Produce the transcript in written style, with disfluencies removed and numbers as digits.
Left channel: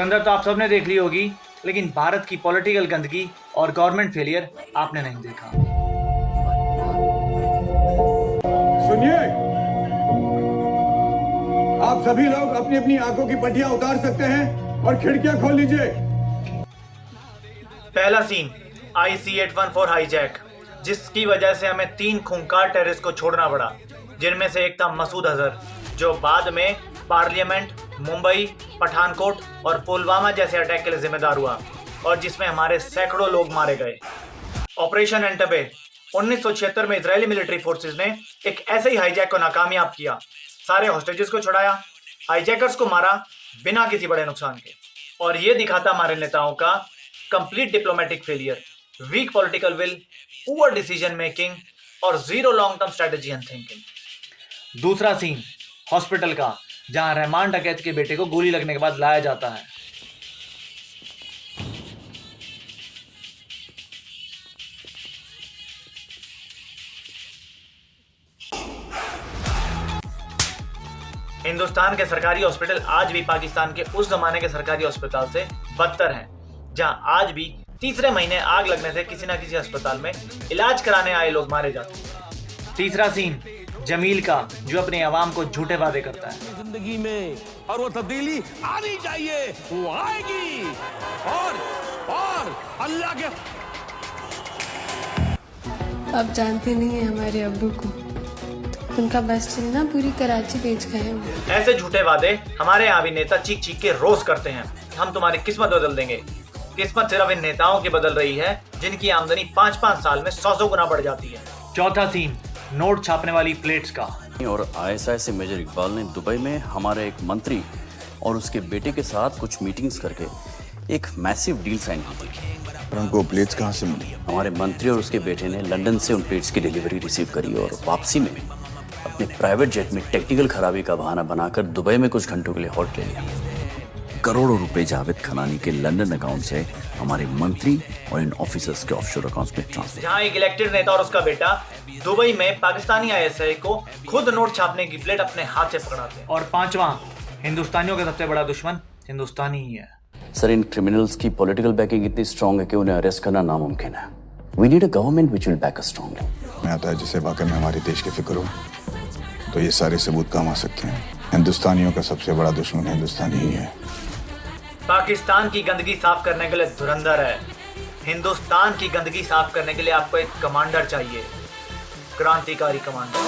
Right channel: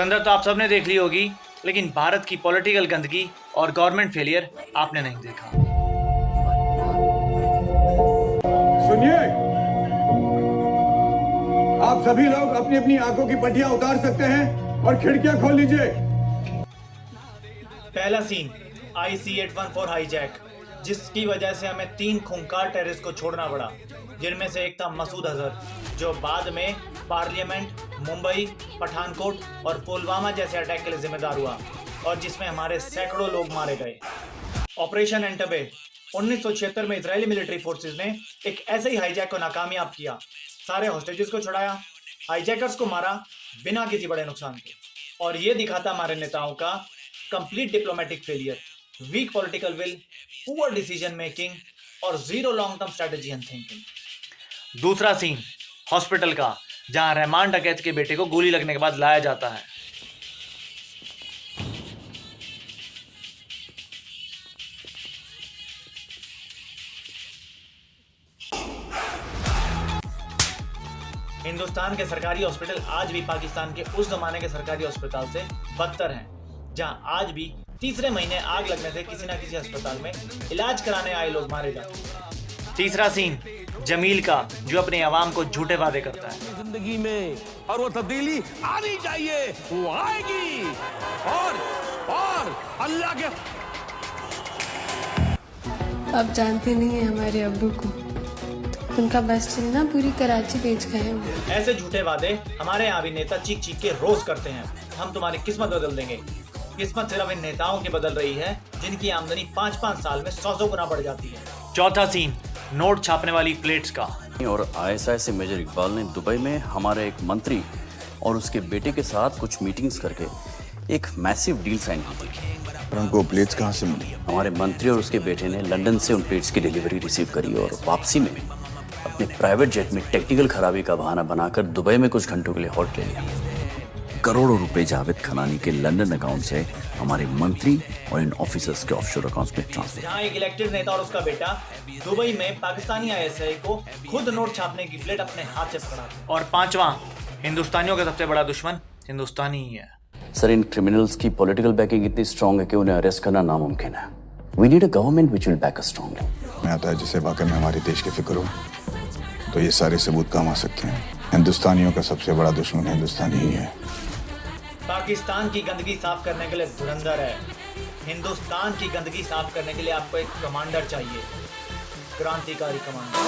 धुरंधर तो आप सबने देख ली होगी, लेकिन भारत की पॉलिटिकल गंदगी और गवर्नमेंट फेलियर आपने नहीं देखा। सुनिए, आप सभी लोग अपनी अपनी आंखों की पट्टियां उतार सकते हैं और खिड़कियां खोल लीजिए। पहला सीन IC-814 हाईजैक, जिसकी वजह से हमें 3 खूंखार टेररिस्ट को छोड़ना पड़ा, जिनमें से एक था मसूद अजहर, जो बाद में पार्लियामेंट, मुंबई, पठानकोट और पुलवामा जैसे अटैक के लिए जिम्मेदार हुआ और जिसमें हमारे सैकड़ों लोग मारे गए। ऑपरेशन एंटबे 1976 में इजरायली मिलिट्री फोर्सेस ने एक ऐसे ही हाईजैक को नाकामयाब किया, सारे हॉस्टेजेस को छुड़ाया, हाईजैकर्स को मारा बिना किसी बड़े नुकसान के। और ये दिखाता हमारे नेताओं का complete diplomatic failure, weak political will, poor decision making और zero long term strategy and thinking. दूसरा सीन हॉस्पिटल का, जहां रहमान डकैत के बेटे को गोली लगने के बाद लाया जाता है। हिंदुस्तान के सरकारी हॉस्पिटल आज भी पाकिस्तान के उस जमाने के सरकारी अस्पताल से बदतर हैं, जहां आज भी तीसरे महीने आग लगने से किसी न किसी अस्पताल में इलाज कराने आए लोग मारे जाते हैं। तीसरा सीन जमील का, जो अपने अवाम को झूठे वादे करता है जिंदगी में, और वो तब्दीली आनी चाहिए, वो आएगी। और अल्लाह के आप जानते नहीं हैं हमारे अब्बू को, उनका बस चलना पूरी कराची बेच गए हैं। ऐसे झूठे वादे हमारे यहाँ भी नेता चीख चीख के रोज करते हैं। हम तुम्हारी किस्मत बदल देंगे। किस्मत सिर्फ इन नेताओं की बदल रही है जिनकी आमदनी 5-5 साल में 100 गुना बढ़ जाती है। चौथा सीन नोट छापने वाली प्लेट्स का। और ISI से मेजर इकबाल ने दुबई में हमारे एक मंत्री और उसके बेटे के साथ कुछ मीटिंग्स करके एक मैसिव डील साइन की थी। और उनको प्लेट्स कहाँ से मिली? हमारे मंत्री और उसके बेटे ने लंदन से उन प्लेट्स की डिलीवरी रिसीव करी और वापसी में अपने प्राइवेट जेट में टेक्निकल खराबी का बहाना बनाकर दुबई में कुछ घंटों के लिए हॉल्ट ले लिया। करोड़ों रुपए जावेद खनानी के लंदन अकाउंट से हमारे मंत्री और इन ऑफिसर्स के ऑफशोर अकाउंट्स में ट्रांसफर। यहाँ एक इलेक्टेड नेता और उसका बेटा दुबई में पाकिस्तानी ISI को खुद नोट छापने की प्लेट अपने हाथ से पकड़ाते हैं। और पांचवा, हिंदुस्तानियों का सबसे बड़ा दुश्मन हिंदुस्तानी ही है। सर, इन क्रिमिनल्स की पॉलिटिकल बैकिंग इतनी स्ट्रांग है कि उन्हें अरेस्ट करना नामुमकिन है। We need a government which will back us strongly. मैं आता है जिसे वाकई में हमारे देश की फिक्र हो, तो ये सारे सबूत काम आ सकते हैं। हिंदुस्तानियों का सबसे बड़ा दुश्मन हिंदुस्तानी ही है। पाकिस्तान की गंदगी साफ करने के लिए धुरंधर है। हिंदुस्तान की गंदगी साफ करने के लिए आपको एक कमांडर चाहिए, क्रांतिकारी कमांडर।